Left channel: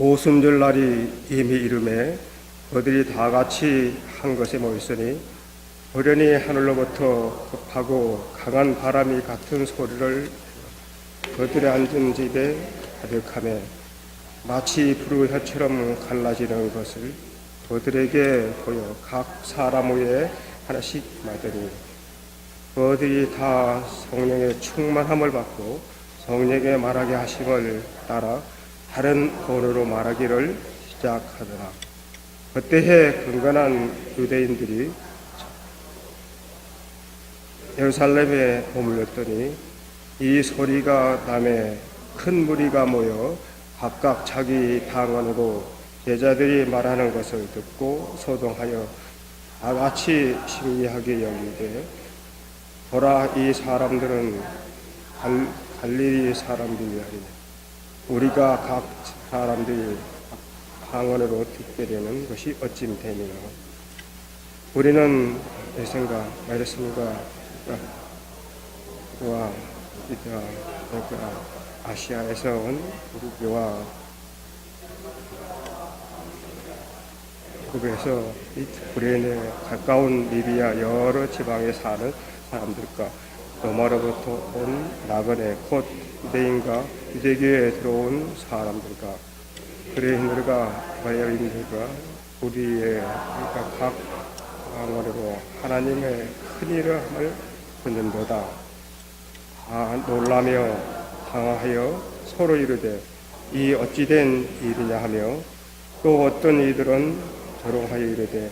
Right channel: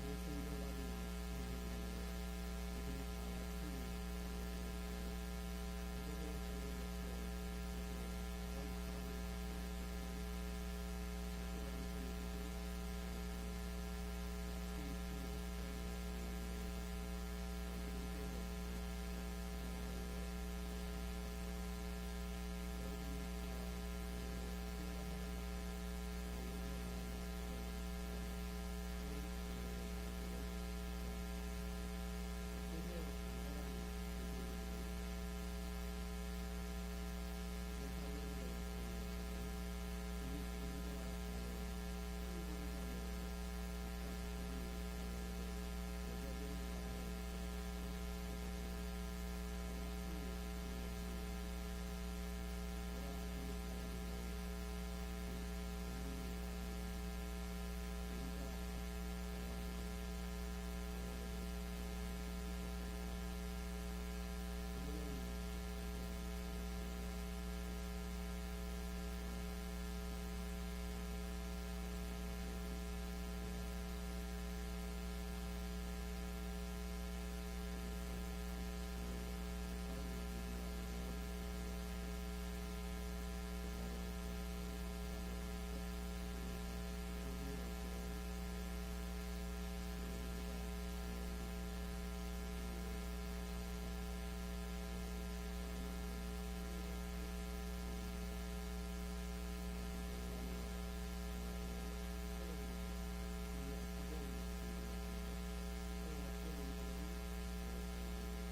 오순절 날이 이미 이름에 그들이 다 같이 한 곳에 모였으니 호련히 하늘로부터 급하고 강한 바람이 같은 소리를 그들의 앉은 집에 가득하며 마치 불우혀처럼 갈라지는 것을 그들에게 보여 각 사람 위에 하나씩 맞으니 그들이 다 성령의 충만함을 받고 성령의 말하게 하심을 따라 다른 언어로 말하기를 시작하더라. 그때에 근건한 유대인들이 예루살렘에 머물렀더니 이 소리가 남에 큰 무리가 모여 각각 자기 방언으로 제자들이 말하는 것을 듣고 소동하여 다 같이 신기하게 여기되 보라, 이 사람들은 갈릴리 사람들이 아니냐. 우리가 각 사람들이 방언으로 듣게 되는 것이 어찌 되느냐. 우리는 내 생각 말했습니다. 와 아시아에서 온 우리와 그래서 우리는 가까운 리비아 여러 지방에 사는 사람들과 로마로부터 온 나그네 곧 유대인과 유대교에 들어온 사람들과 그레인들과 바야인들과 우리의 각 방언으로 하나님의 큰 일을 듣는도다. 놀라며 당하여 서로 이르되 이 어찌된 일이냐 하며 또 어떤 이들은 조롱하여 이르되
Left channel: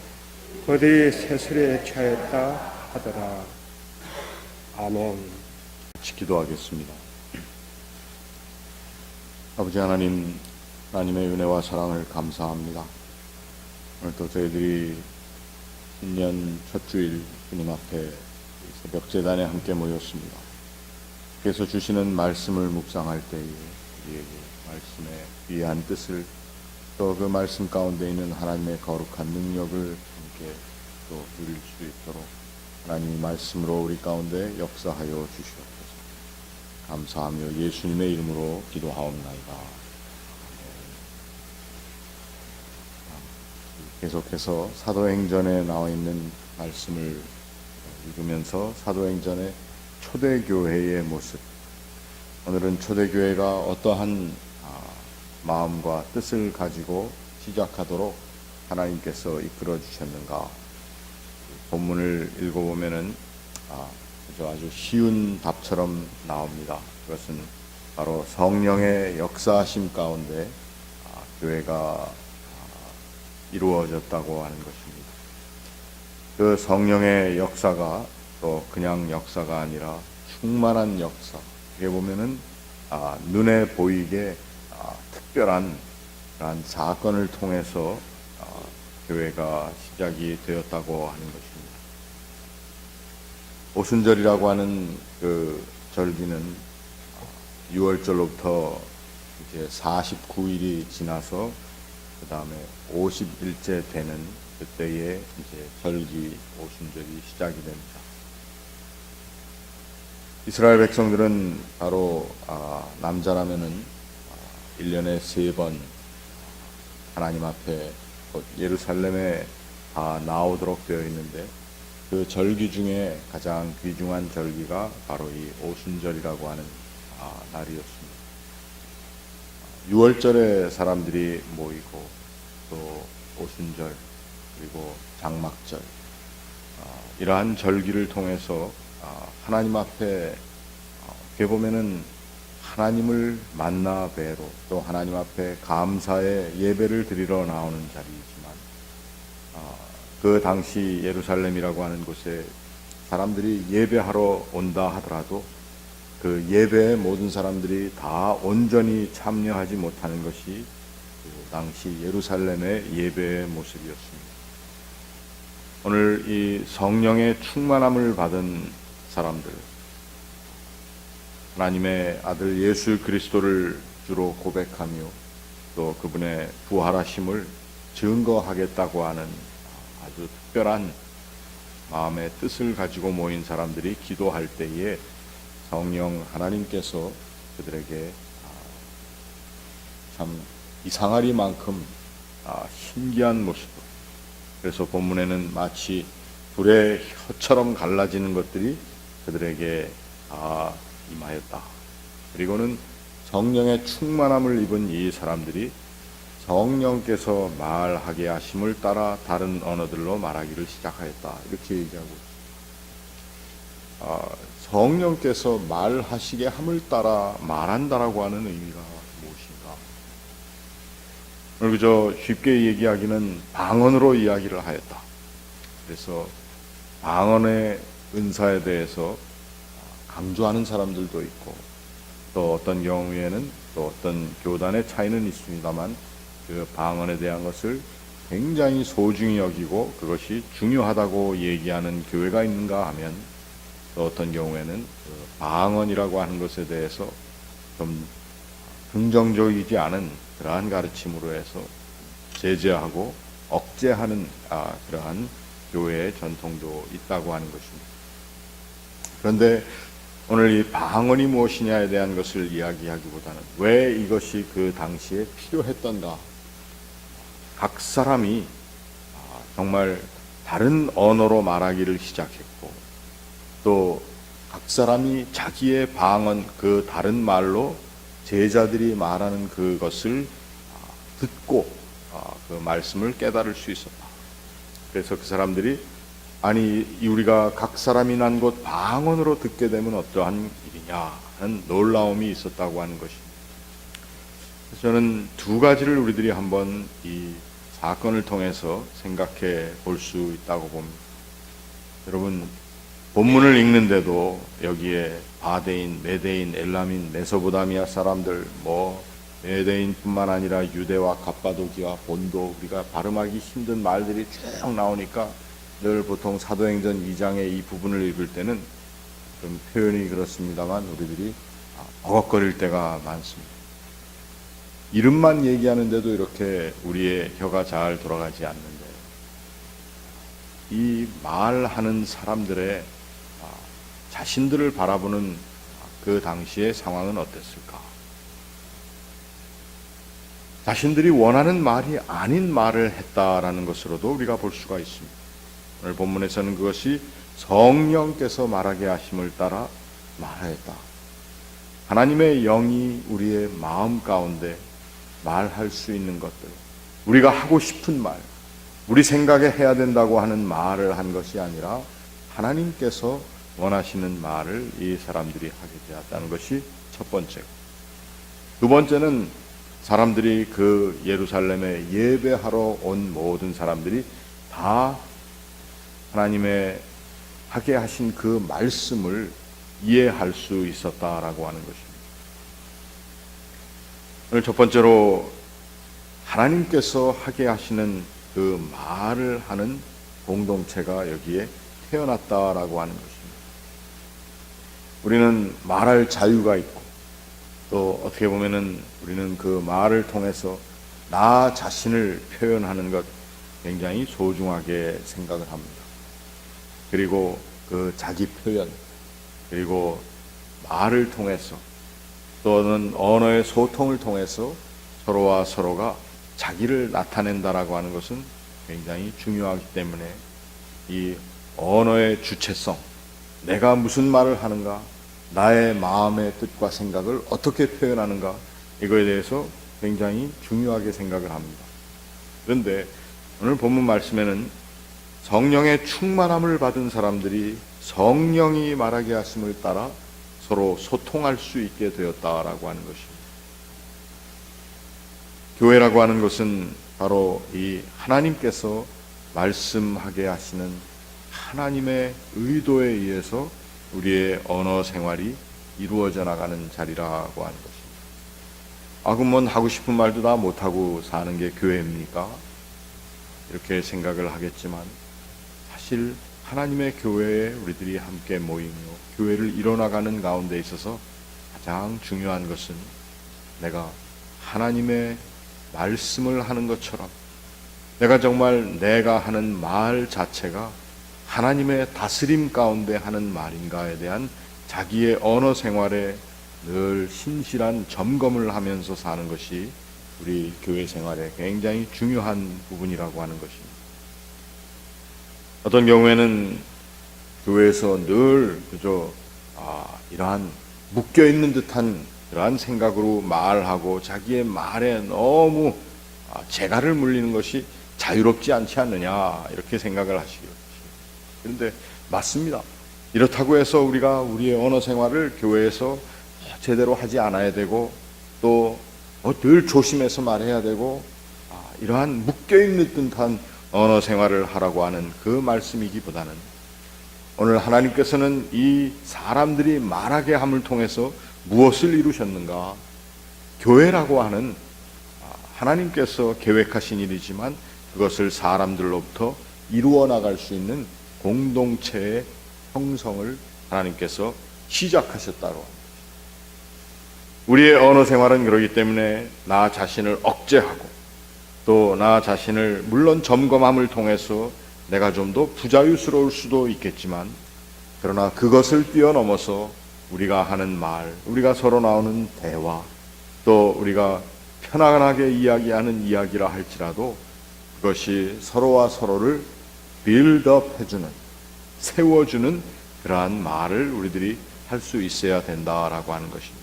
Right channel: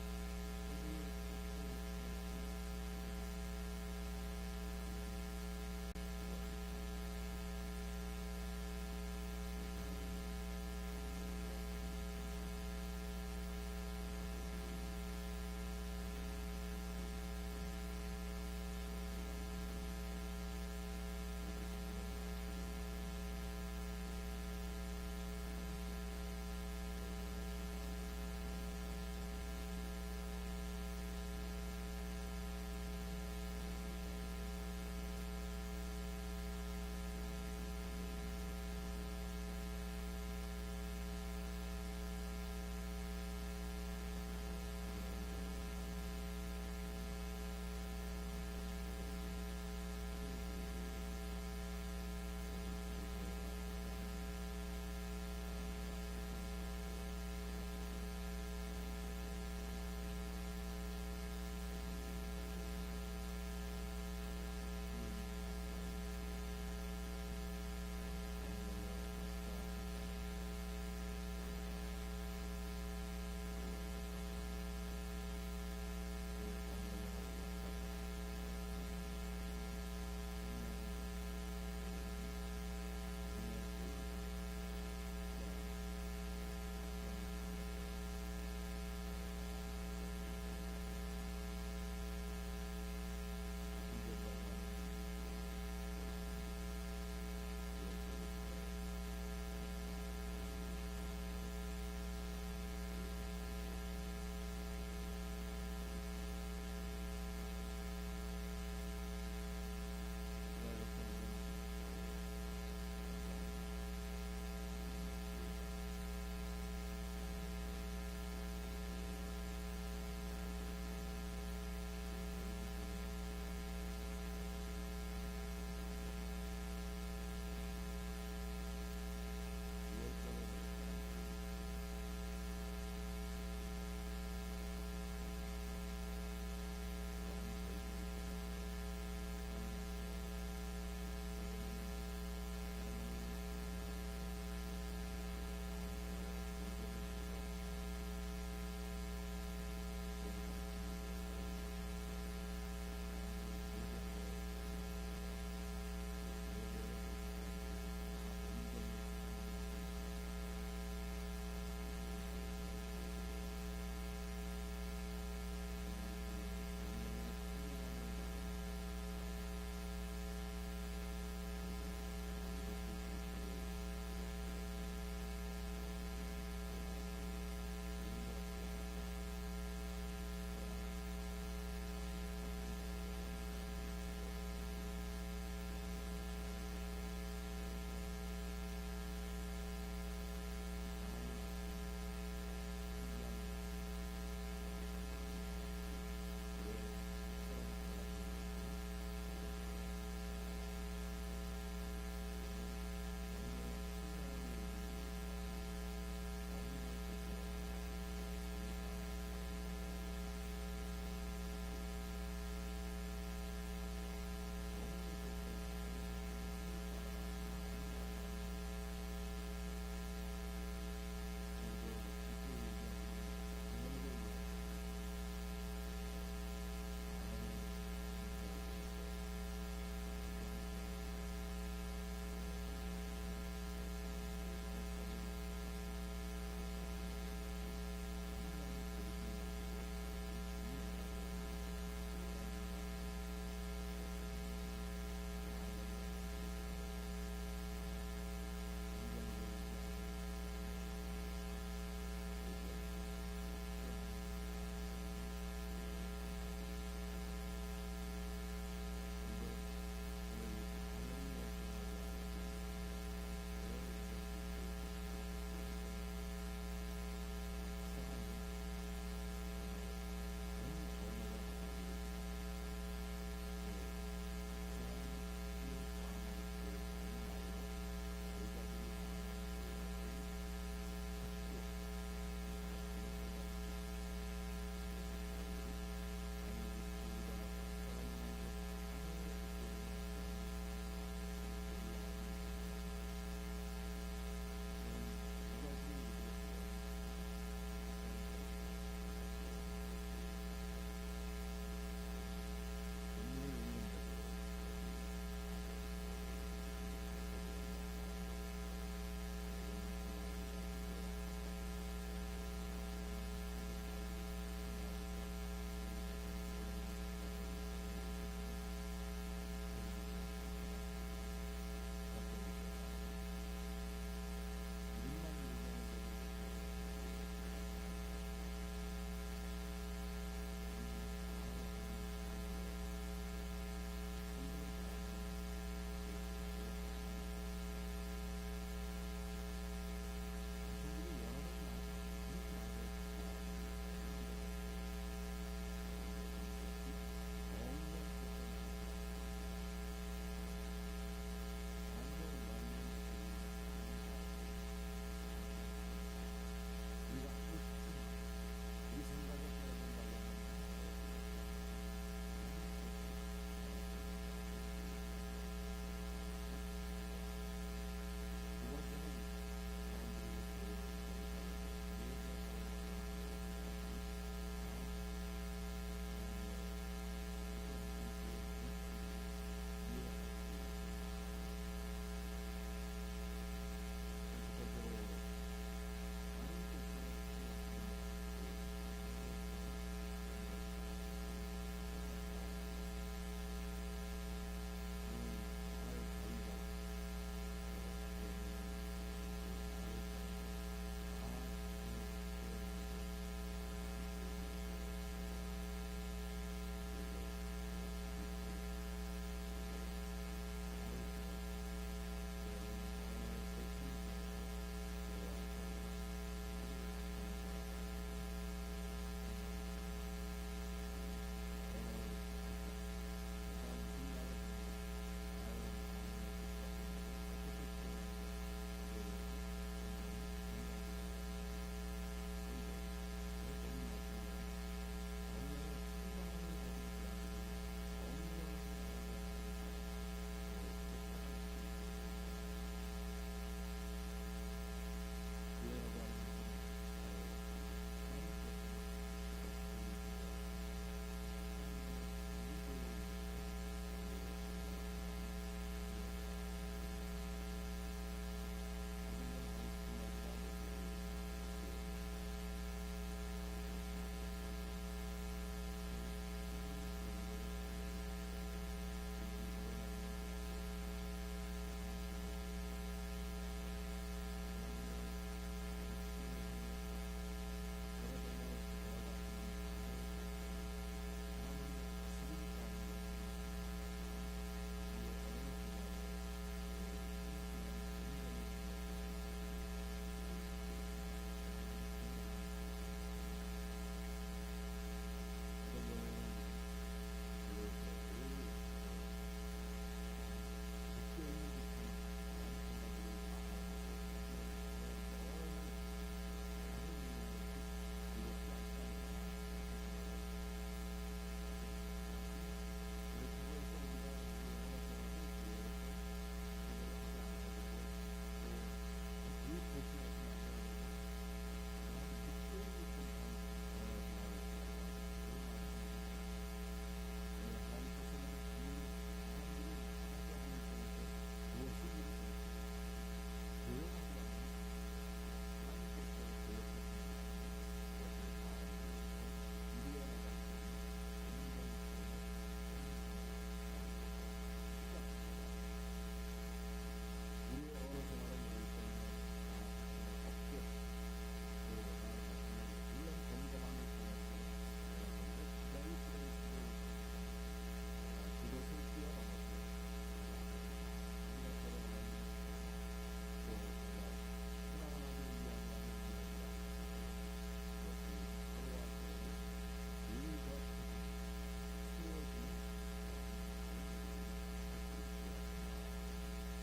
그들이 세술에 취하였다 하더라. 아멘. 기도하겠습니다. 아버지 하나님, 하나님의 은혜와 사랑을 감사합니다. 오늘도 저희들이 신년 첫 주일 주님 앞에 새벽 제단에 함께 모였습니다. 그래서 주시는 말씀을 묵상할 때에 우리에게 말씀의 귀한 뜻을 또 그 말씀 가운데 있는 하나님의 거룩한 능력을 함께 또 누릴 수 있도록 하나님의 말씀으로 우리 가운데 역사하여 주시옵소서. 감사하며 예수님의 이름으로 기도하옵나이다. 계속해서 사도행전에 나와 있는 말씀을 읽으면서 사도행전의 초대교회의 모습, 오늘은 초대교회가 어떠한 마음과 뜻을 가지고 시작하도록 하나님께서 이끌어 주셨는가. 본문을 읽어보면은 아주 쉬운 답처럼 나옵니다. 그것은 바로 성령의 역사하심 가운데 교회가 이루어졌다고 하는 것입니다. 그 성령의 역사가 또 그냥 역사가 아니라 충만한 역사. 이게 보면은 눈에 보이게 특별한 그런 사건을 통해서 교회가 시작이 되었다고 하는 것입니다. 오순절이라고 하는 그 절기는 6월절로부터 이제 49일이 지나서 그 다음에 50일째 되는 그때에 이제 절기 오순절이 시작이 됩니다. 이스라엘 백성들은 바로 남자라면은 1년에 3번 하나님 앞에 예루살렘에 나오도록 되어 있는데 그 절기 중에 가장 귀중한 절기가 바로 이 오순절이라고 하는 날이었습니다. 6월절에 사람들이 모이고 또 오순절 그리고 장막절 이러한 절기를 통해서 하나님 앞에 어떻게 보면은 하나님을 만나 뵈러 또 하나님 앞에 감사의 예배를 드리러 나오는 자리이지만 그 당시 예루살렘이라고 하는 곳에 사람들이 예배하러 온다 하더라도 그 예배에 모든 사람들이 다 온전히 참여하지 못하는 것이 그 당시 예루살렘의 예배의 모습이었습니다. 오늘 이 성령의 충만함을 받은 사람들, 하나님의 아들 예수 그리스도를 주로 고백하며 또 그분의 부활하심을 증거하겠다고 하는 아주 특별한 마음의 뜻을 가지고 모인 사람들이 기도할 때에 성령 하나님께서 그들에게 참 이상하리만큼 신기한 모습. 그래서 본문에는 마치 불의 혀처럼 갈라지는 것들이 그들에게 임하였다. 그리고는 성령의 충만함을 입은 이 사람들이 성령께서 말하게 하심을 따라 다른 언어들로 말하기를 시작하였다. 이렇게 얘기하고 성령께서 말하시게 함을 따라 말한다라고 하는 의미가 무엇인가? 오늘 그저 쉽게 얘기하기는 방언으로 이야기를 하였다. 그래서 방언의 은사에 대해서 강조하는 사람들도 있고, 또 어떤 경우에는 또 어떤 교단의 차이는 있습니다만 그 방언에 대한 것을 굉장히 소중히 여기고 그것이 중요하다고 얘기하는 교회가 있는가 하면, 또 어떤 경우에는 그 방언이라고 하는 것에 대해서 좀 긍정적이지 않은 그러한 가르침으로 해서 제재하고 억제하는 그러한 교회의 전통도 있다고 하는 것입니다. 그런데 오늘 이 방언이 무엇이냐에 대한 것을 이야기하기보다는 왜 이것이 그 당시에 필요했던가, 각 사람이 정말 다른 언어로 말하기를 시작했고, 또 각 사람이 자기의 방언, 그 다른 말로 제자들이 말하는 그것을 듣고 그 말씀을 깨달을 수 있었다. 그래서 그 사람들이 아니 우리가 각 사람이 난 곳 방언으로 듣게 되면 어떠한 일이냐 하는 놀라움이 있었다고 하는 것입니다. 그래서 저는 두 가지를 우리들이 한번 이 사건을 통해서 생각해 볼 수 있다고 봅니다. 여러분, 본문을 읽는데도 여기에 바데인, 메데인, 엘라민, 메소포타미아 사람들, 메데인뿐만 아니라 유대와 갑바도기와 본도, 우리가 발음하기 힘든 말들이 쭉 나오니까 늘 보통 사도행전 2장의 이 부분을 읽을 때는 좀 표현이 그렇습니다만 우리들이 버벅거릴 때가 많습니다. 이름만 얘기하는데도 이렇게 우리의 혀가 잘 돌아가지 않는데, 이 말하는 사람들의 자신들을 바라보는 그 당시의 상황은 어땠을까? 자신들이 원하는 말이 아닌 말을 했다라는 것으로도 우리가 볼 수가 있습니다. 오늘 본문에서는 그것이 성령께서 말하게 하심을 따라 말하였다. 하나님의 영이 우리의 마음 가운데 말할 수 있는 것들, 우리가 하고 싶은 말, 우리 생각에 해야 된다고 하는 말을 한 것이 아니라 하나님께서 원하시는 말을 이 사람들이 하게 되었다는 것이 첫 번째고, 두 번째는 사람들이 그 예루살렘에 예배하러 온 모든 사람들이 다 하나님의 하게 하신 그 말씀을 이해할 수 있었다라고 하는 것입니다. 오늘 첫 번째로 하나님께서 하게 하시는 그 말을 하는 공동체가 여기에 태어났다라고 하는 것입니다. 우리는 말할 자유가 있고, 또 어떻게 보면은 우리는 그 말을 통해서 나 자신을 표현하는 것 굉장히 소중하게 생각을 합니다. 그리고 그 자기 표현, 그리고 말을 통해서 또는 언어의 소통을 통해서 서로와 서로가 자기를 나타낸다라고 하는 것은 굉장히 중요하기 때문에 이 언어의 주체성, 내가 무슨 말을 하는가, 나의 마음의 뜻과 생각을 어떻게 표현하는가, 이거에 대해서 굉장히 중요하게 생각을 합니다. 그런데 오늘 본문 말씀에는 성령의 충만함을 받은 사람들이 성령이 말하게 하심을 따라 서로 소통할 수 있게 되었다라고 하는 것입니다. 교회라고 하는 것은 바로 이 하나님께서 말씀하게 하시는 하나님의 의도에 의해서 우리의 언어 생활이 이루어져 나가는 자리라고 하는 것입니다. 그러면 하고 싶은 말도 다 못하고 사는 게 교회입니까? 이렇게 생각을 하겠지만, 사실 하나님의 교회에 우리들이 함께 모이며 교회를 이뤄나가는 가운데 있어서 가장 중요한 것은 내가 하나님의 말씀을 하는 것처럼 내가 정말 내가 하는 말 자체가 하나님의 다스림 가운데 하는 말인가에 대한 자기의 언어 생활에 늘 신실한 점검을 하면서 사는 것이 우리 교회 생활에 굉장히 중요한 부분이라고 하는 것입니다. 어떤 경우에는 교회에서 늘 그저 이러한 묶여있는 듯한 그러한 생각으로 말하고 자기의 말에 너무 재갈을 물리는 것이 자유롭지 않지 않느냐 이렇게 생각을 하시겠죠. 그런데 맞습니다. 이렇다고 해서 우리가 우리의 언어 생활을 교회에서 제대로 하지 않아야 되고 또 늘 조심해서 말해야 되고 이러한 묶여있는 듯한 언어 생활을 하라고 하는 그 말씀이기보다는 오늘 하나님께서는 이 사람들이 말하게 함을 통해서 무엇을 이루셨는가? 교회라고 하는 하나님께서 계획하신 일이지만 그것을 사람들로부터 이루어 나갈 수 있는 공동체의 형성을 하나님께서 시작하셨다고 합니다. 우리의 언어 생활은 그렇기 때문에 나 자신을 억제하고 또 나 자신을 물론 점검함을 통해서 내가 좀 더 부자유스러울 수도 있겠지만 그러나 그것을 뛰어넘어서 우리가 하는 말, 우리가 서로 나오는 대화, 또 우리가 편안하게 이야기하는 이야기라 할지라도 그것이 서로와 서로를 빌드업 해주는, 세워주는 그러한 말을 우리들이 할 수 있어야 된다라고 하는 것입니다.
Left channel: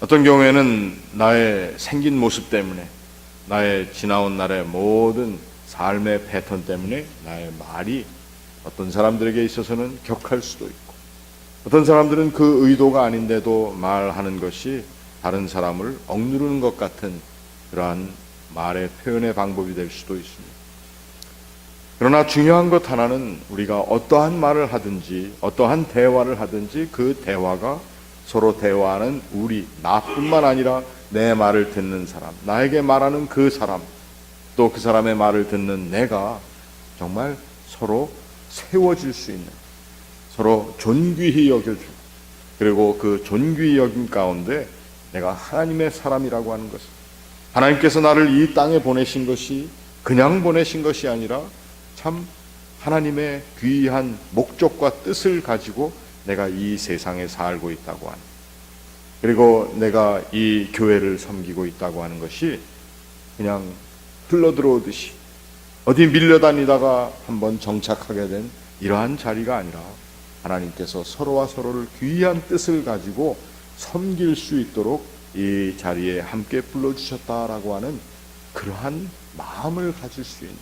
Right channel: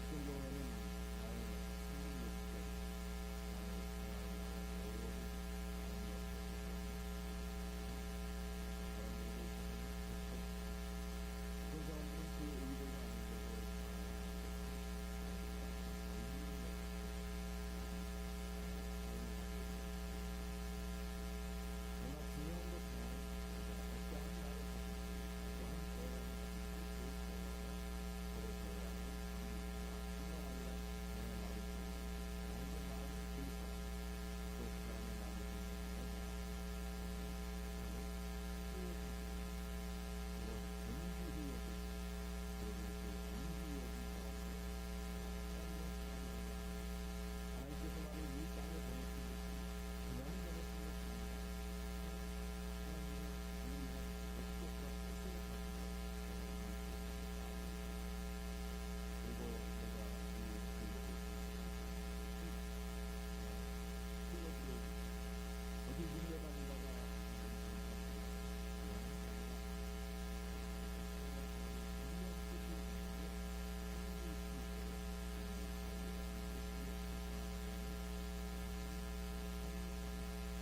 어떤 경우에는 나의 생긴 모습 때문에, 나의 지나온 날의 모든 삶의 패턴 때문에 나의 말이 어떤 사람들에게 있어서는 격할 수도 있고 어떤 사람들은 그 의도가 아닌데도 말하는 것이 다른 사람을 억누르는 것 같은 그러한 말의 표현의 방법이 될 수도 있습니다. 그러나 중요한 것 하나는 우리가 어떠한 말을 하든지 어떠한 대화를 하든지 그 대화가 서로 대화하는 우리, 나뿐만 아니라 내 말을 듣는 사람, 나에게 말하는 그 사람, 또 그 사람의 말을 듣는 내가 정말 서로 세워질 수 있는, 서로 존귀히 여겨주고 그리고 그 존귀히 여김 가운데 내가 하나님의 사람이라고 하는 것을, 하나님께서 나를 이 땅에 보내신 것이 그냥 보내신 것이 아니라 참 하나님의 귀한 목적과 뜻을 가지고 내가 이 세상에 살고 있다고 하는, 그리고 내가 이 교회를 섬기고 있다고 하는 것이 그냥 흘러들어오듯이 어디 밀려다니다가 한번 정착하게 된 이러한 자리가 아니라 하나님께서 서로와 서로를 귀한 뜻을 가지고 섬길 수 있도록 이 자리에 함께 불러주셨다라고 하는 그러한 마음을 가질 수 있는,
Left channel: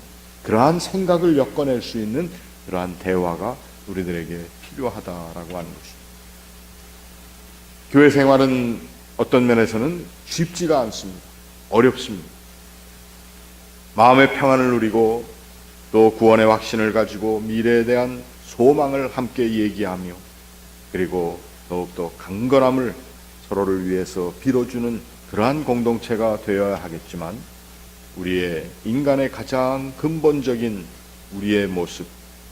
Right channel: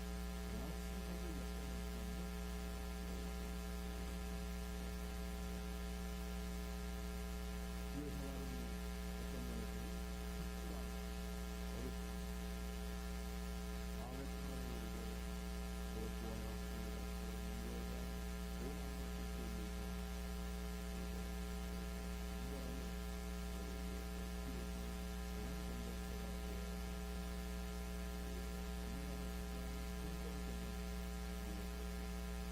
그러한 생각을 엮어낼 수 있는 그러한 대화가 우리들에게 필요하다라고 하는 것입니다. 교회 생활은 어떤 면에서는 쉽지가 않습니다. 어렵습니다. 마음의 평안을 누리고 또 구원의 확신을 가지고 미래에 대한 소망을 함께 얘기하며 그리고 더욱더 강건함을 서로를 위해서 빌어주는 그러한 공동체가 되어야 하겠지만 우리의 인간의 가장 근본적인 우리의 모습,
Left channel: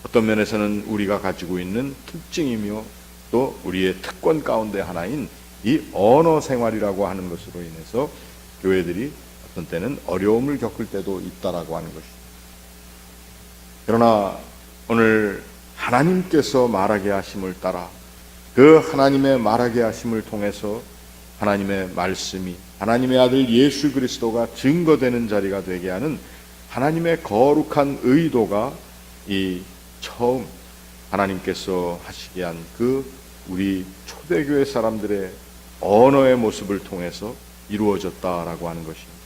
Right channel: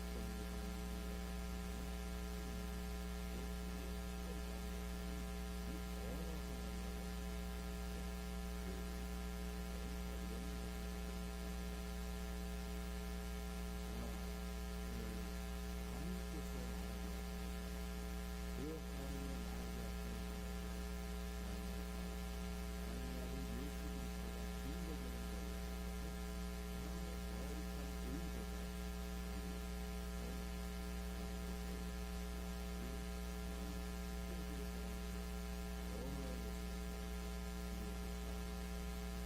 어떤 면에서는 우리가 가지고 있는 특징이며 또 우리의 특권 가운데 하나인 이 언어 생활이라고 하는 것으로 인해서 교회들이 어떤 때는 어려움을 겪을 때도 있다라고 하는 것입니다. 그러나 오늘 하나님께서 말하게 하심을 따라 그 하나님의 말하게 하심을 통해서 하나님의 말씀이 하나님의 아들 예수 그리스도가 증거되는 자리가 되게 하는 하나님의 거룩한 의도가 이 처음 하나님께서 하시게 한 그 우리 초대교회 사람들의 언어의 모습을 통해서 이루어졌다라고 하는 것입니다.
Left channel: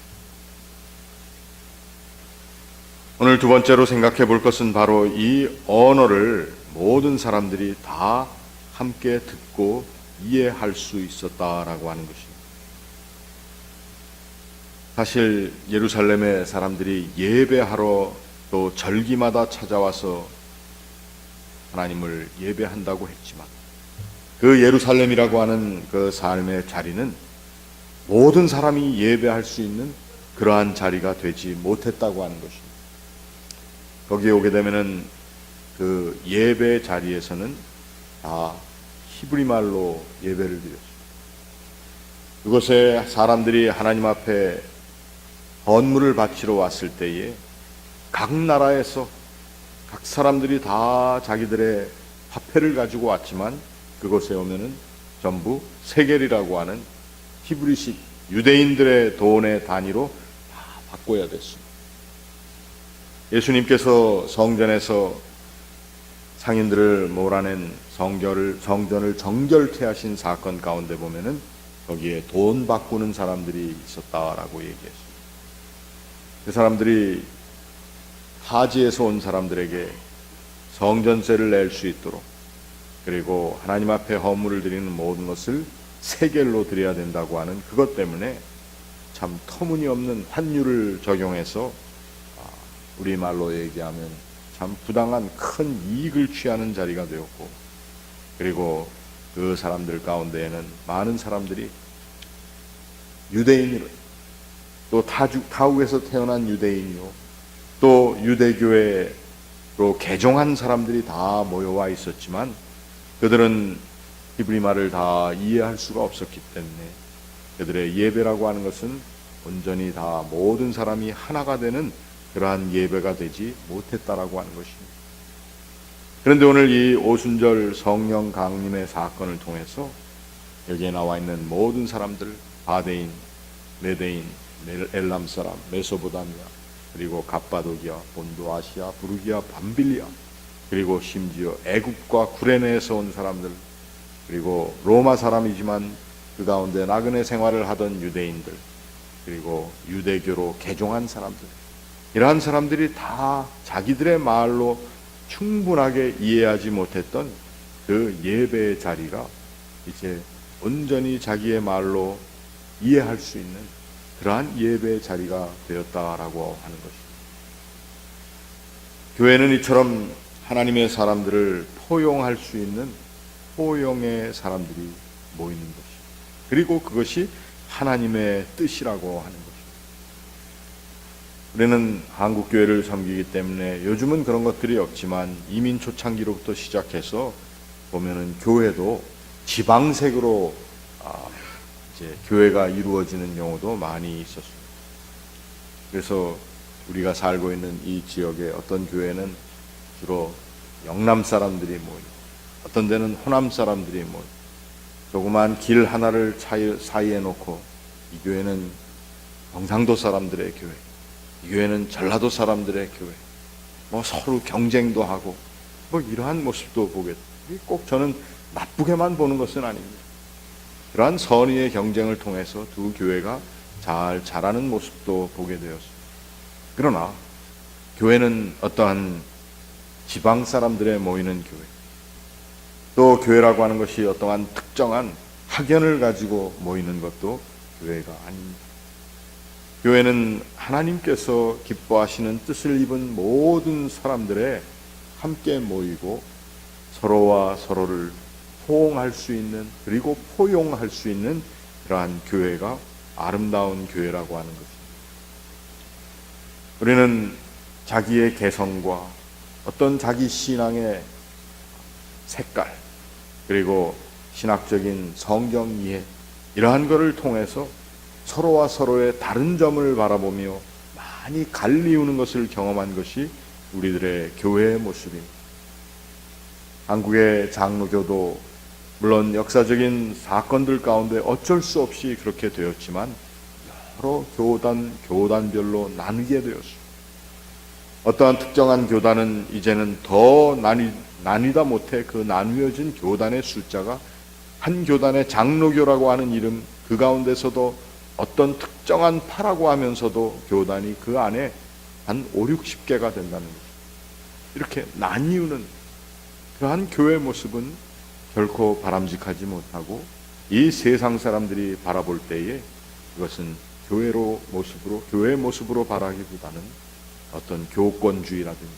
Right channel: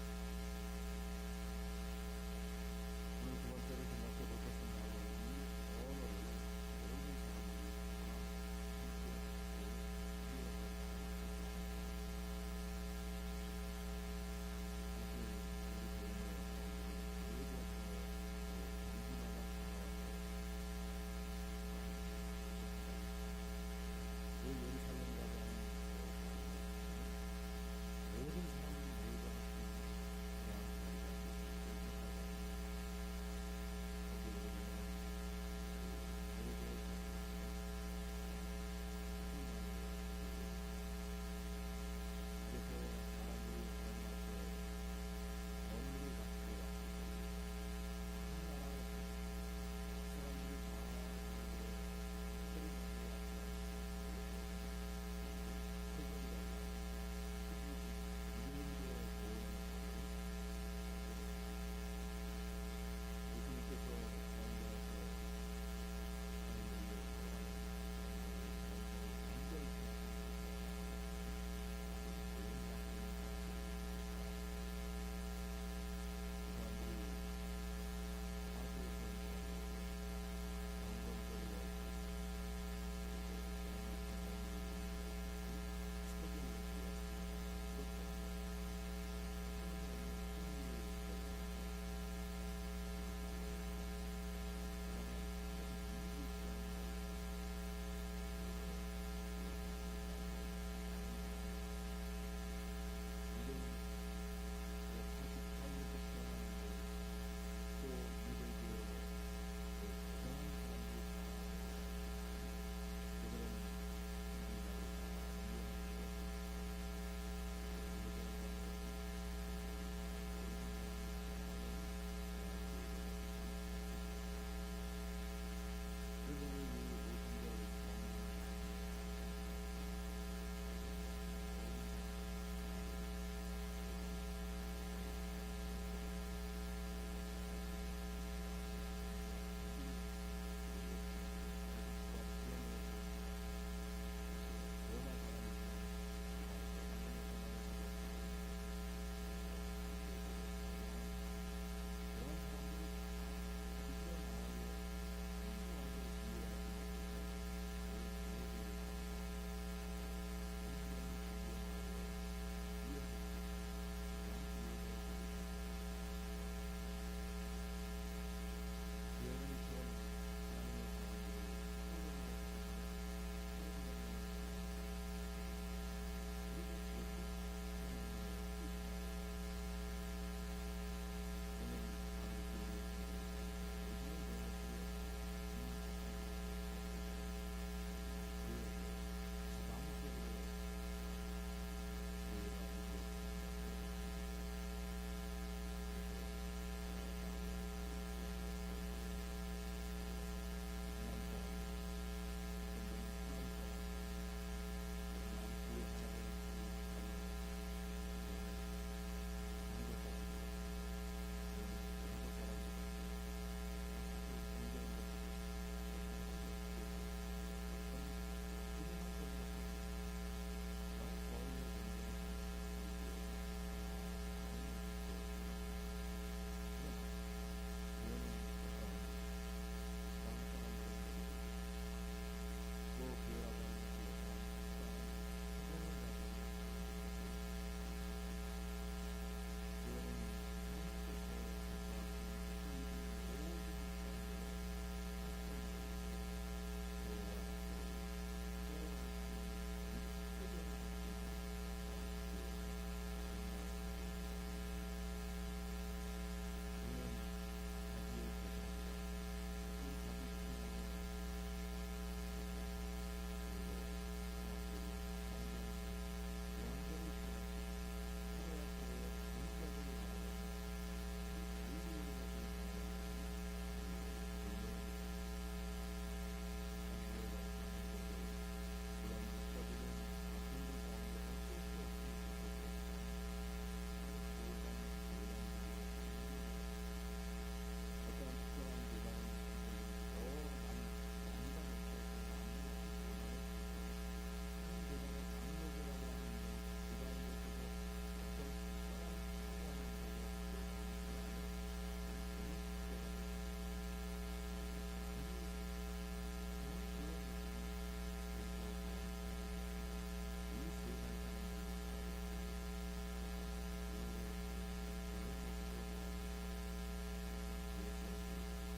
오늘 두 번째로 생각해 볼 것은 바로 이 언어를 모든 사람들이 다 함께 듣고 이해할 수 있었다라고 하는 것입니다. 사실 예루살렘의 사람들이 예배하러 또 절기마다 찾아와서 하나님을 예배한다고 했지만 그 예루살렘이라고 하는 그 삶의 자리는 모든 사람이 예배할 수 있는 그러한 자리가 되지 못했다고 하는 것입니다. 거기에 오게 되면은 그 예배 자리에서는 다 히브리 말로 예배를 드렸습니다. 그곳에 사람들이 하나님 앞에 헌물을 바치러 왔을 때에 각 나라에서 각 사람들이 다 자기들의 화폐를 가지고 왔지만 그곳에 오면은 전부 세겔이라고 하는 히브리식 유대인들의 돈의 단위로 다 바꿔야 됐습니다. 예수님께서 성전에서 상인들을 몰아낸 성전을 정결케 하신 사건 가운데 보면은 거기에 돈 바꾸는 사람들이 있었다라고 얘기했습니다. 그 사람들이 타지에서 온 사람들에게 성전세를 낼 수 있도록, 그리고 하나님 앞에 헌물을 드리는 모든 것을 세겔로 드려야 된다고 하는 그것 때문에 참 터무니없는 환율을 적용해서 우리말로 얘기하면 참 부당한 큰 이익을 취하는 자리가 되었고, 그리고 그 사람들 가운데에는 많은 사람들이 유대인으로, 또 타국에서 태어난 유대인이요, 또 유대교회로 개종한 사람들이 다 모여와 있었지만 그들은 히브리 말을 다 이해할 수가 없었기 때문에 그들의 예배라고 하는 것은 온전히 다 모든 사람이 하나가 되는 그러한 예배가 되지 못했다라고 하는 것입니다. 그런데 오늘 이 오순절 성령 강림의 사건을 통해서 여기에 나와 있는 모든 사람들, 바데인, 메데인, 엘람 사람, 메소포타미아, 그리고 갑바도기아, 본도 아시아, 부르기아, 밤빌리아, 그리고 심지어 애굽과 구레네에서 온 사람들, 그리고 로마 사람이지만 그 가운데 나그네 생활을 하던 유대인들, 그리고 유대교로 개종한 사람들, 이러한 사람들이 다 자기들의 말로 충분하게 이해하지 못했던 그 예배의 자리가 이제 온전히 자기의 말로 이해할 수 있는 그러한 예배의 자리가 되었다라고 하는 것입니다. 교회는 이처럼 하나님의 사람들을 포용할 수 있는 포용의 사람들이 모이는 것입니다. 그리고 그것이 하나님의 뜻이라고 하는 것입니다. 우리는 한국 교회를 섬기기 때문에 요즘은 그런 것들이 없지만 이민 초창기로부터 시작해서 보면은 교회도 지방색으로 이제 교회가 이루어지는 경우도 많이 있었습니다. 그래서 우리가 살고 있는 이 지역의 어떤 교회는 주로 영남 사람들이 모이고, 어떤 데는 호남 사람들이 모이고, 조그만 길 하나를 사이에 놓고 이 교회는 경상도 사람들의 교회, 이 교회는 전라도 사람들의 교회, 뭐 서로 경쟁도 하고 뭐 이러한 모습도 보게 됩니다. 꼭 저는 나쁘게만 보는 것은 아닙니다. 그러한 선의의 경쟁을 통해서 두 교회가 잘 자라는 모습도 보게 되었습니다. 그러나 교회는 어떠한 지방 사람들의 모이는 교회, 또 교회라고 하는 것이 어떠한 특정한 학연을 가지고 모이는 것도 교회가 아닙니다. 교회는 하나님께서 기뻐하시는 뜻을 입은 모든 사람들의 함께 모이고 서로와 서로를 호응할 수 있는, 그리고 포용할 수 있는 그러한 교회가 아름다운 교회라고 하는 것입니다. 우리는 자기의 개성과 어떤 자기 신앙의 색깔, 그리고 신학적인 성경 이해, 이러한 것을 통해서 서로와 서로의 다른 점을 바라보며 많이 갈리우는 것을 경험한 것이 우리들의 교회의 모습입니다. 한국의 장로교도 물론 역사적인 사건들 가운데 어쩔 수 없이 그렇게 되었지만 여러 교단별로 나뉘게 되었습니다. 어떠한 특정한 교단은 이제는 더 나뉘다 못해 그 나뉘어진 교단의 숫자가 한 교단의 장로교라고 하는 이름, 그 가운데서도 어떤 특정한 파라고 하면서도 교단이 그 안에 한 5, 60개가 된다는 거죠. 이렇게 나뉘는 그러한 교회 모습은 결코 바람직하지 못하고, 이 세상 사람들이 바라볼 때에 그것은 교회의 모습으로 바라기보다는 어떤 교권주의라든지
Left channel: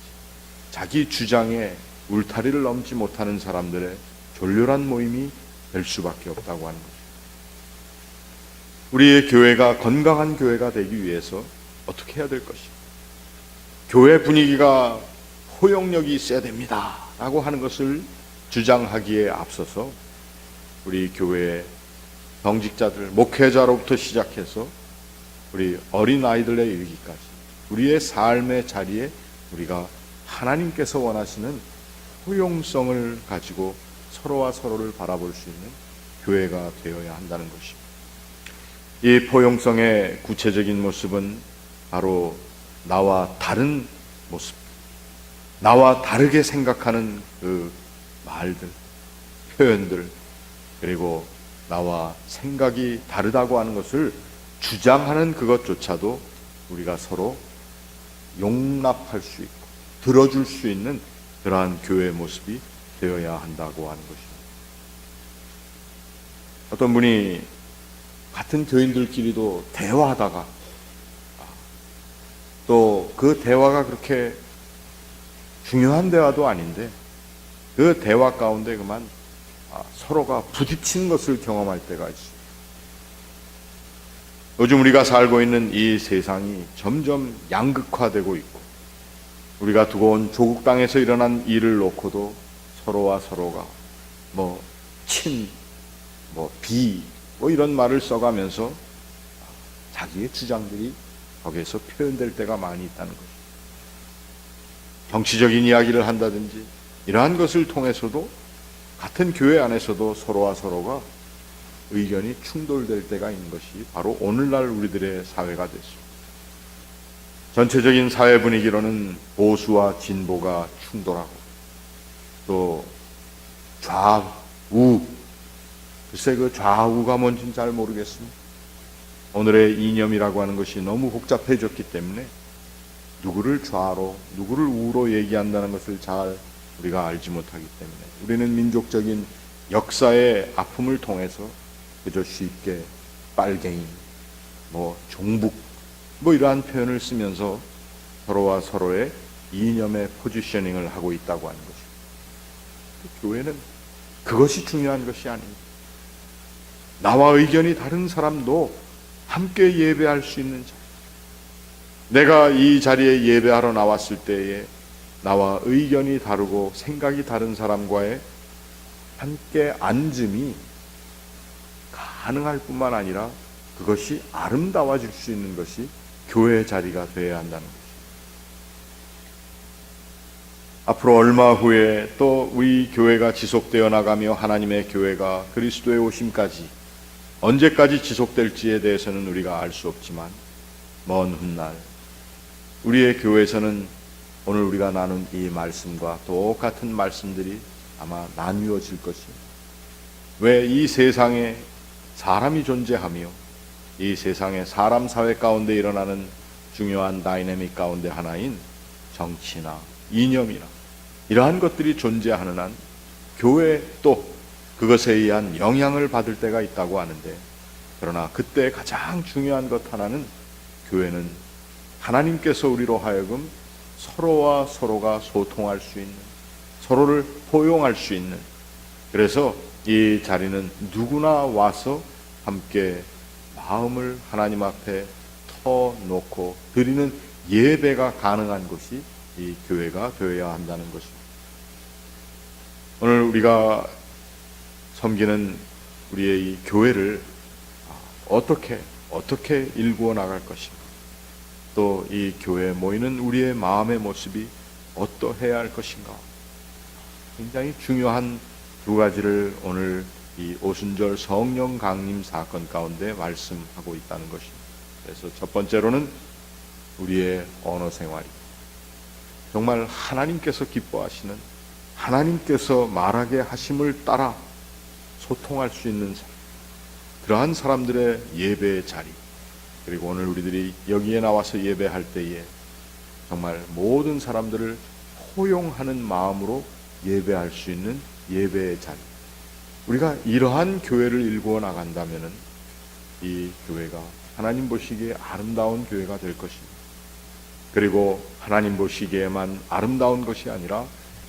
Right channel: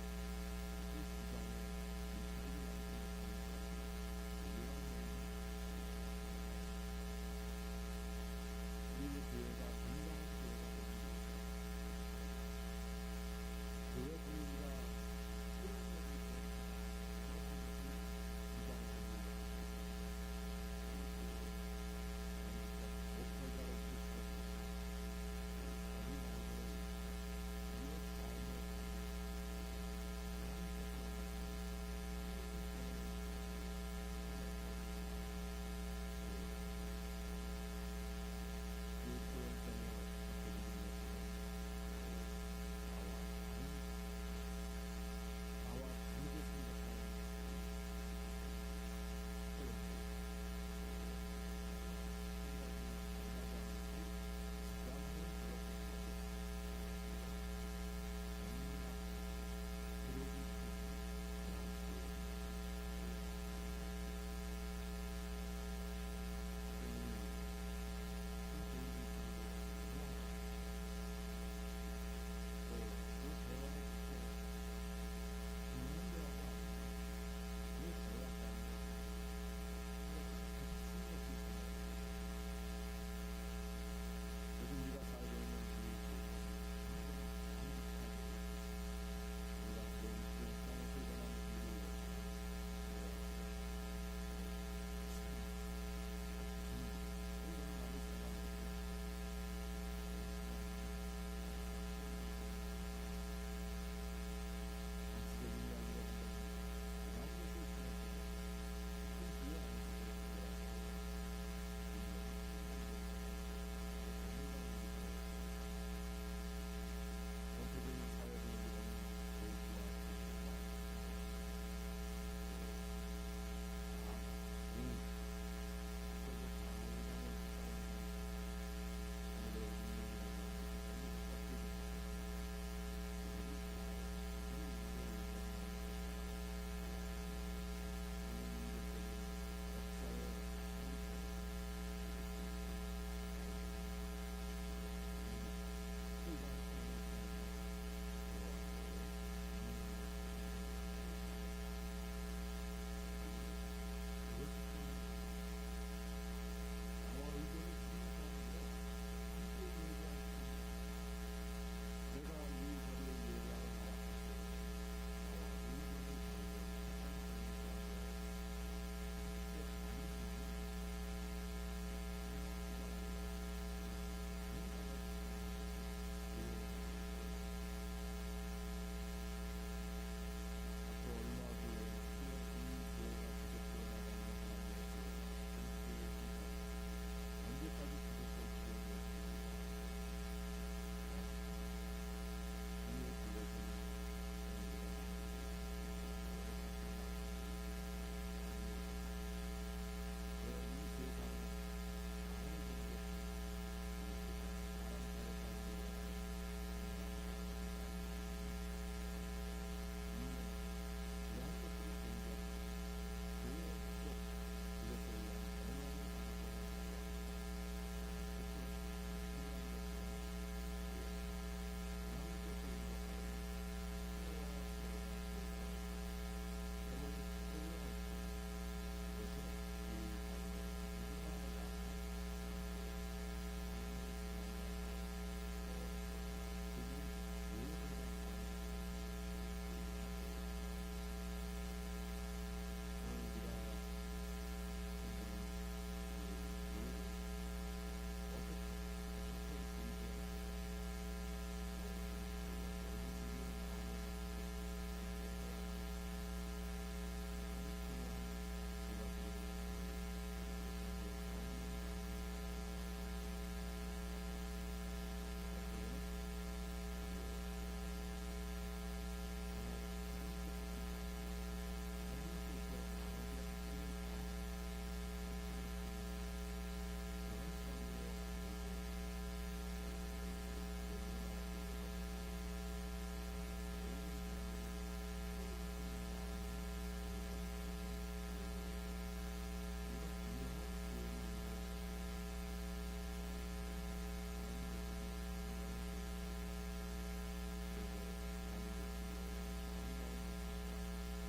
자기 주장에 울타리를 넘지 못하는 사람들의 졸렬한 모임이 될 수밖에 없다고 하는 거죠. 우리의 교회가 건강한 교회가 되기 위해서 어떻게 해야 될 것입니까? 교회 분위기가 포용력이 있어야 됩니다 라고 하는 것을 주장하기에 앞서서 우리 교회의 정직자들, 목회자로부터 시작해서 우리 어린아이들에 이르기까지 우리의 삶의 자리에 우리가 하나님께서 원하시는 포용성을 가지고 서로와 서로를 바라볼 수 있는 교회가 되어야 한다는 것입니다. 이 포용성의 구체적인 모습은 바로 나와 다른 모습, 나와 다르게 생각하는 그 말들, 표현들, 그리고 나와 생각이 다르다고 하는 것을 주장하는 그것조차도 우리가 서로 용납할 수 있고 들어줄 수 있는 그러한 교회의 모습이 되어야 한다고 하는 것입니다. 어떤 분이 같은 교인들끼리도 대화하다가 또 그 대화가 그렇게 중요한 대화도 아닌데 그 대화 가운데 그만 서로가 부딪히는 것을 경험할 때가 있습니다. 요즘 우리가 살고 있는 이 세상이 점점 양극화되고 있고 우리가 두고 온 조국 땅에서 일어난 일을 놓고도 서로와 서로가 친, 비 이런 말을 써가면서 자기의 주장들이 거기에서 표현될 때가 많이 있다는 것입니다. 정치적인 이야기를 한다든지 이러한 것을 통해서도 같은 교회 안에서도 서로와 서로가 의견이 충돌될 때가 있는 것이 바로 오늘날 우리들의 사회가 됐습니다. 전체적인 사회 분위기로는 보수와 진보가 충돌하고 또 좌우, 글쎄 그 좌우가 뭔지는 잘 모르겠습니다. 오늘의 이념이라고 하는 것이 너무 복잡해졌기 때문에 누구를 좌로 누구를 우로 얘기한다는 것을 잘 우리가 알지 못하기 때문에 우리는 민족적인 역사의 아픔을 통해서 그저 쉽게 빨갱이, 종북 이러한 표현을 쓰면서 서로와 서로의 이념의 포지셔닝을 하고 있다고 하는 것입니다. 교회는 그것이 중요한 것이 아닙니다. 나와 의견이 다른 사람도 함께 예배할 수 있는 자리. 내가 이 자리에 예배하러 나왔을 때에 나와 의견이 다르고 생각이 다른 사람과의 함께 앉음이 가능할 뿐만 아니라 그것이 아름다워질 수 있는 것이 교회의 자리가 되어야 한다는 것입니다. 앞으로 얼마 후에 또 우리 교회가 지속되어 나가며 하나님의 교회가 그리스도의 오심까지 언제까지 지속될지에 대해서는 우리가 알 수 없지만 먼 훗날 우리의 교회에서는 오늘 우리가 나눈 이 말씀과 똑같은 말씀들이 아마 나뉘어질 것입니다. 왜 이 세상에 사람이 존재하며 이 세상에 사람 사회 가운데 일어나는 중요한 다이내믹 가운데 하나인 정치나 이념이나 이러한 것들이 존재하는 한 교회 또 그것에 의한 영향을 받을 때가 있다고 하는데, 그러나 그때 가장 중요한 것 하나는 교회는 하나님께서 우리로 하여금 서로와 서로가 소통할 수 있는, 서로를 포용할 수 있는, 그래서 이 자리는 누구나 와서 함께 마음을 하나님 앞에 터놓고 드리는 예배가 가능한 곳이 이 교회가 되어야 한다는 것입니다. 오늘 우리가 섬기는 우리의 이 교회를 어떻게 일구어 나갈 것인가, 또 이 교회에 모이는 우리의 마음의 모습이 어떠해야 할 것인가, 굉장히 중요한 두 가지를 오늘 이 오순절 성령 강림 사건 가운데 말씀하고 있다는 것입니다. 그래서 첫 번째로는 우리의 언어 생활입니다. 정말 하나님께서 기뻐하시는, 하나님께서 말하게 하심을 따라 소통할 수 있는 사람, 그러한 사람들의 예배의 자리, 그리고 오늘 우리들이 여기에 나와서 예배할 때에 정말 모든 사람들을 포용하는 마음으로 예배할 수 있는 예배의 자리, 우리가 이러한 교회를 일구어 나간다면은 이 교회가 하나님 보시기에 아름다운 교회가 될 것입니다. 그리고 하나님 보시기에만 아름다운 것이 아니라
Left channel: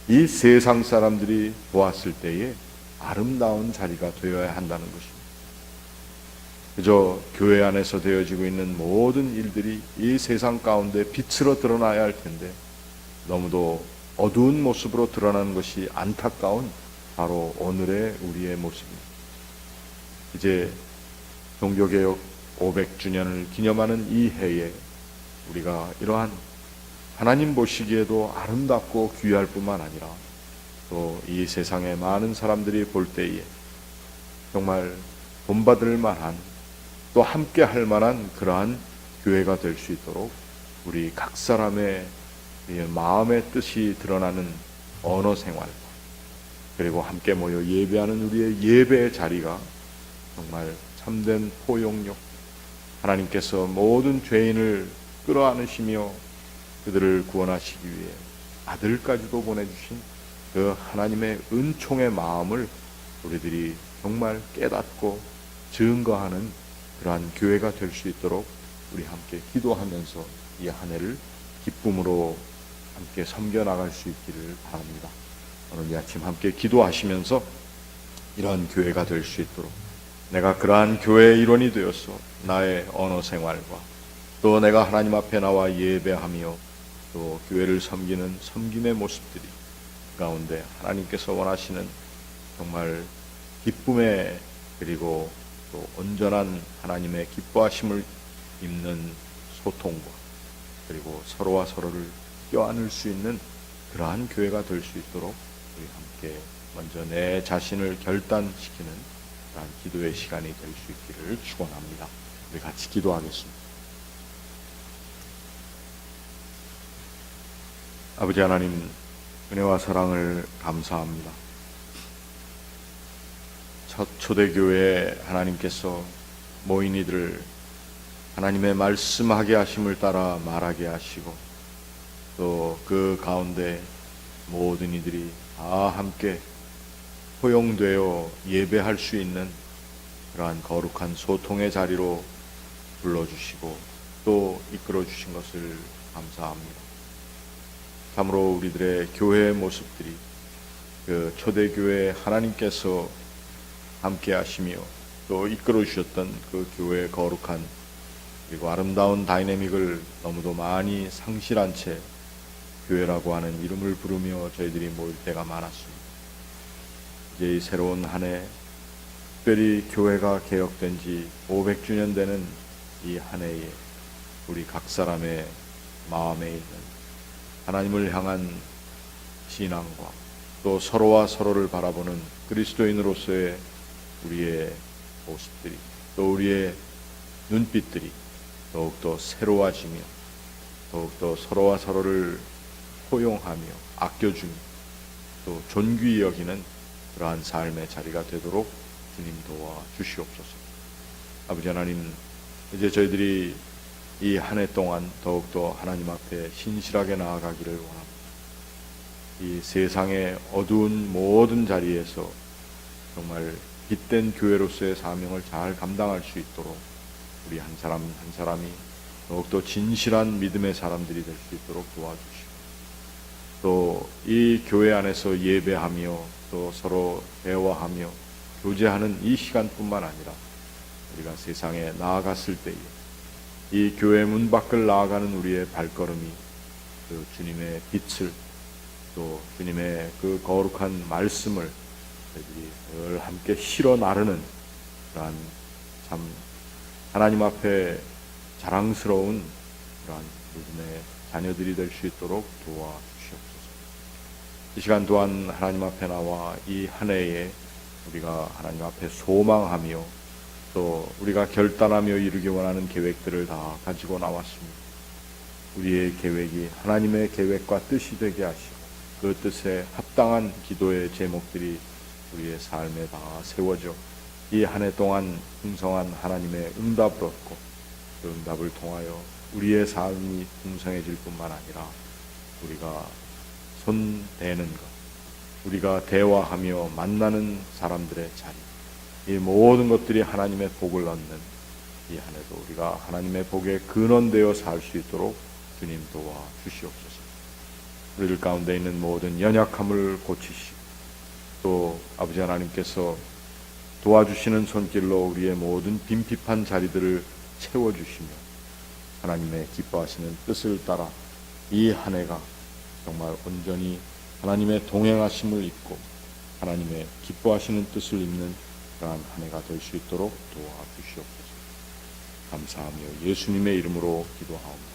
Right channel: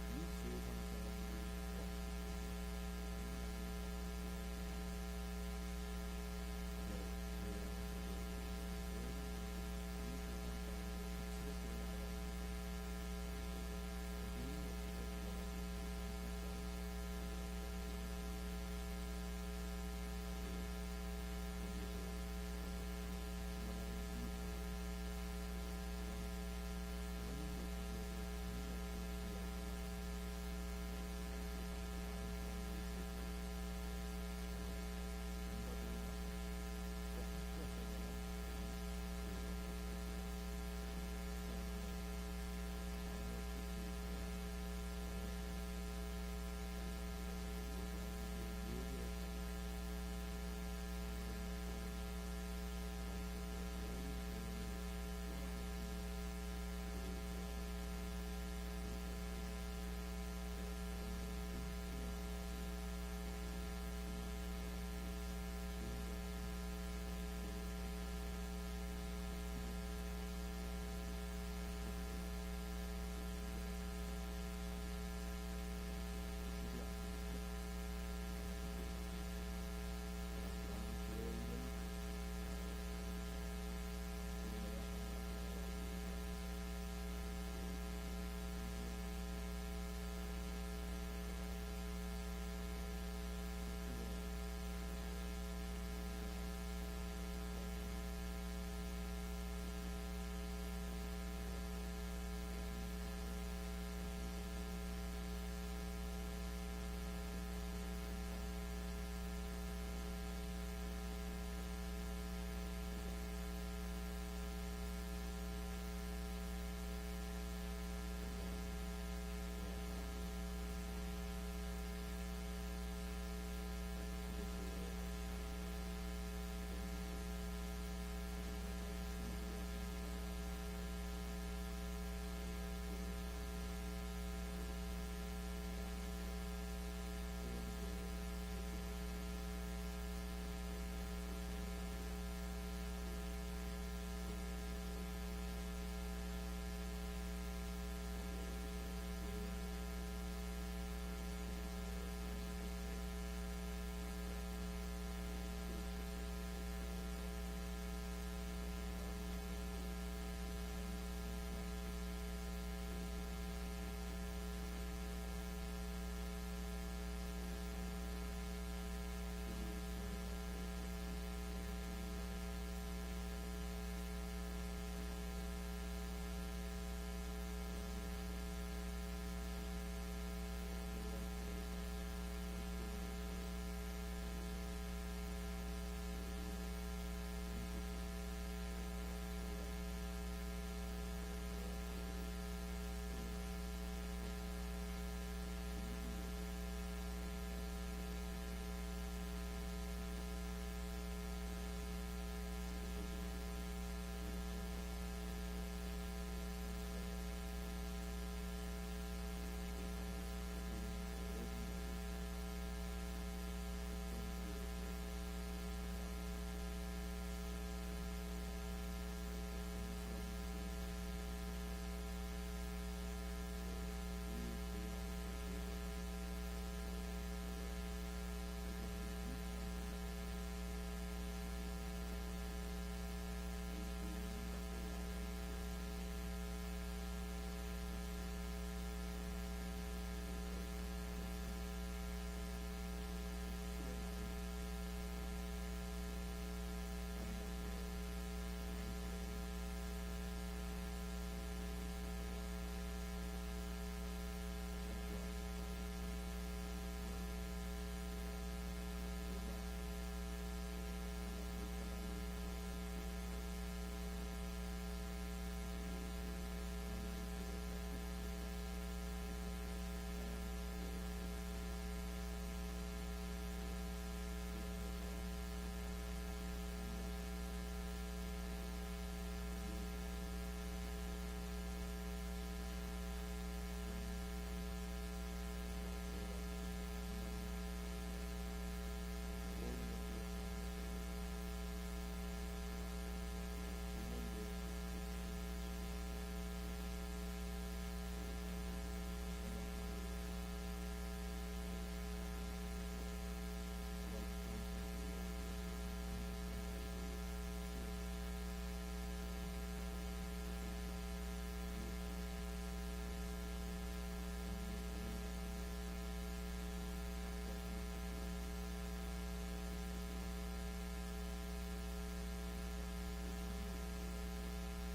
이 세상 사람들이 보았을 때에 아름다운 자리가 되어야 한다는 것입니다. 그저 교회 안에서 되어지고 있는 모든 일들이 이 세상 가운데 빛으로 드러나야 할 텐데 너무도 어두운 모습으로 드러나는 것이 안타까운 바로 오늘의 우리의 모습입니다. 이제 종교개혁 500주년을 기념하는 이 해에 우리가 이러한 하나님 보시기에도 아름답고 귀할 뿐만 아니라 또 이 세상의 많은 사람들이 볼 때에 정말 본받을 만한 또 함께 할 만한 그러한 교회가 될 수 있도록 우리 각 사람의 마음의 뜻이 드러나는 언어 생활, 그리고 함께 모여 예배하는 우리의 예배의 자리가 정말 참된 포용력, 하나님께서 모든 죄인을 끌어안으시며 그들을 구원하시기 위해 아들까지도 보내주신 그 하나님의 은총의 마음을 우리들이 정말 깨닫고 증거하는 그러한 교회가 될 수 있도록 우리 함께 기도하면서 이 한 해를 기쁨으로 함께 섬겨나갈 수 있기를 바랍니다. 오늘 이 아침 함께 기도하시면서 이러한 교회가 될 수 있도록 내가 그러한 교회의 일원이 되어서 나의 언어 생활과 또 내가 하나님 앞에 나와 예배하며 또 교회를 섬기는 섬김의 모습들이 가운데 하나님께서 원하시는 정말 기쁨의 그리고 또 온전한 하나님의 기뻐하심을 입는 소통과 그리고 서로와 서로를 껴안을 수 있는 그러한 교회가 될 수 있도록 우리 함께 먼저 내 자신을 결단시키는 그러한 기도의 시간이 될 수 있기를 축원합니다. 우리 같이 기도하겠습니다. 아버지 하나님, 은혜와 사랑을 감사합니다. 첫 초대교회에 하나님께서 모인 이들을 하나님의 말씀하게 하심을 따라 말하게 하시고 또 그 가운데 모든 이들이 다 함께 포용되어 예배할 수 있는 그러한 거룩한 소통의 자리로 불러주시고 또 이끌어주신 것을 감사합니다. 참으로 우리들의 교회의 모습들이 그 초대교회 하나님께서 함께 하시며 또 이끌어 주셨던 그 교회의 거룩한 그리고 아름다운 다이내믹을 너무도 많이 상실한 채 교회라고 하는 이름을 부르며 저희들이 모일 때가 많았습니다. 이제 이 새로운 한 해, 특별히 교회가 개혁된 지 500주년 되는 이 한 해에 우리 각 사람의 마음에 있는 하나님을 향한 신앙과 또 서로와 서로를 바라보는 그리스도인으로서의 우리의 모습들이 또 우리의 눈빛들이 더욱더 새로워지며 더욱더 서로와 서로를 포용하며 아껴주며 또 존귀히 여기는 그러한 삶의 자리가 되도록 주님 도와 주시옵소서. 아버지 하나님, 이제 저희들이 이 한 해 동안 더욱더 하나님 앞에 신실하게 나아가기를 원합니다. 이 세상의 어두운 모든 자리에서 정말 빛된 교회로서의 사명을 잘 감당할 수 있도록 우리 한 사람 한 사람이 더욱더 진실한 믿음의 사람들이 될 수 있도록 도와주시고 또 이 교회 안에서 예배하며 또 서로 대화하며 교제하는 이 시간뿐만 아니라 우리가 세상에 나아갔을 때에 이 교회 문 밖을 나아가는 우리의 발걸음이 그 주님의 빛을 또 주님의 그 거룩한 말씀을 저희들이 늘 함께 실어 나르는 그러한 참 하나님 앞에 자랑스러운 그러한 믿음의 자녀들이 될 수 있도록 도와주시옵소서. 이 시간 또한 하나님 앞에 나와 이 한 해에 우리가 하나님 앞에 소망하며 또 우리가 결단하며 이루기 원하는 계획들을 다 가지고 나왔습니다. 우리의 계획이 하나님의 계획과 뜻이 되게 하시고 그 뜻에 합당한 기도의 제목들이 우리의 삶에 다 세워져 이 한 해 동안 풍성한 하나님의 응답을 얻고 그 응답을 통하여 우리의 삶이 풍성해질 뿐만 아니라 우리가 손대는 것, 우리가 대화하며 만나는 사람들의 자리, 이 모든 것들이 하나님의 복을 얻는 이 한 해도 우리가 하나님의 복에 근원되어 살 수 있도록 주님 도와 주시옵소서. 우리들 가운데 있는 모든 연약함을 고치시고 또 아버지 하나님께서 도와주시는 손길로 우리의 모든 빈핍한 자리들을 채워주시며 하나님의 기뻐하시는 뜻을 따라 이 한 해가 정말 온전히 하나님의 동행하심을 입고 하나님의 기뻐하시는 뜻을 입는 그러한 한 해가 될 수 있도록 도와주시옵소서. 감사하며 예수님의 이름으로 기도하옵니다.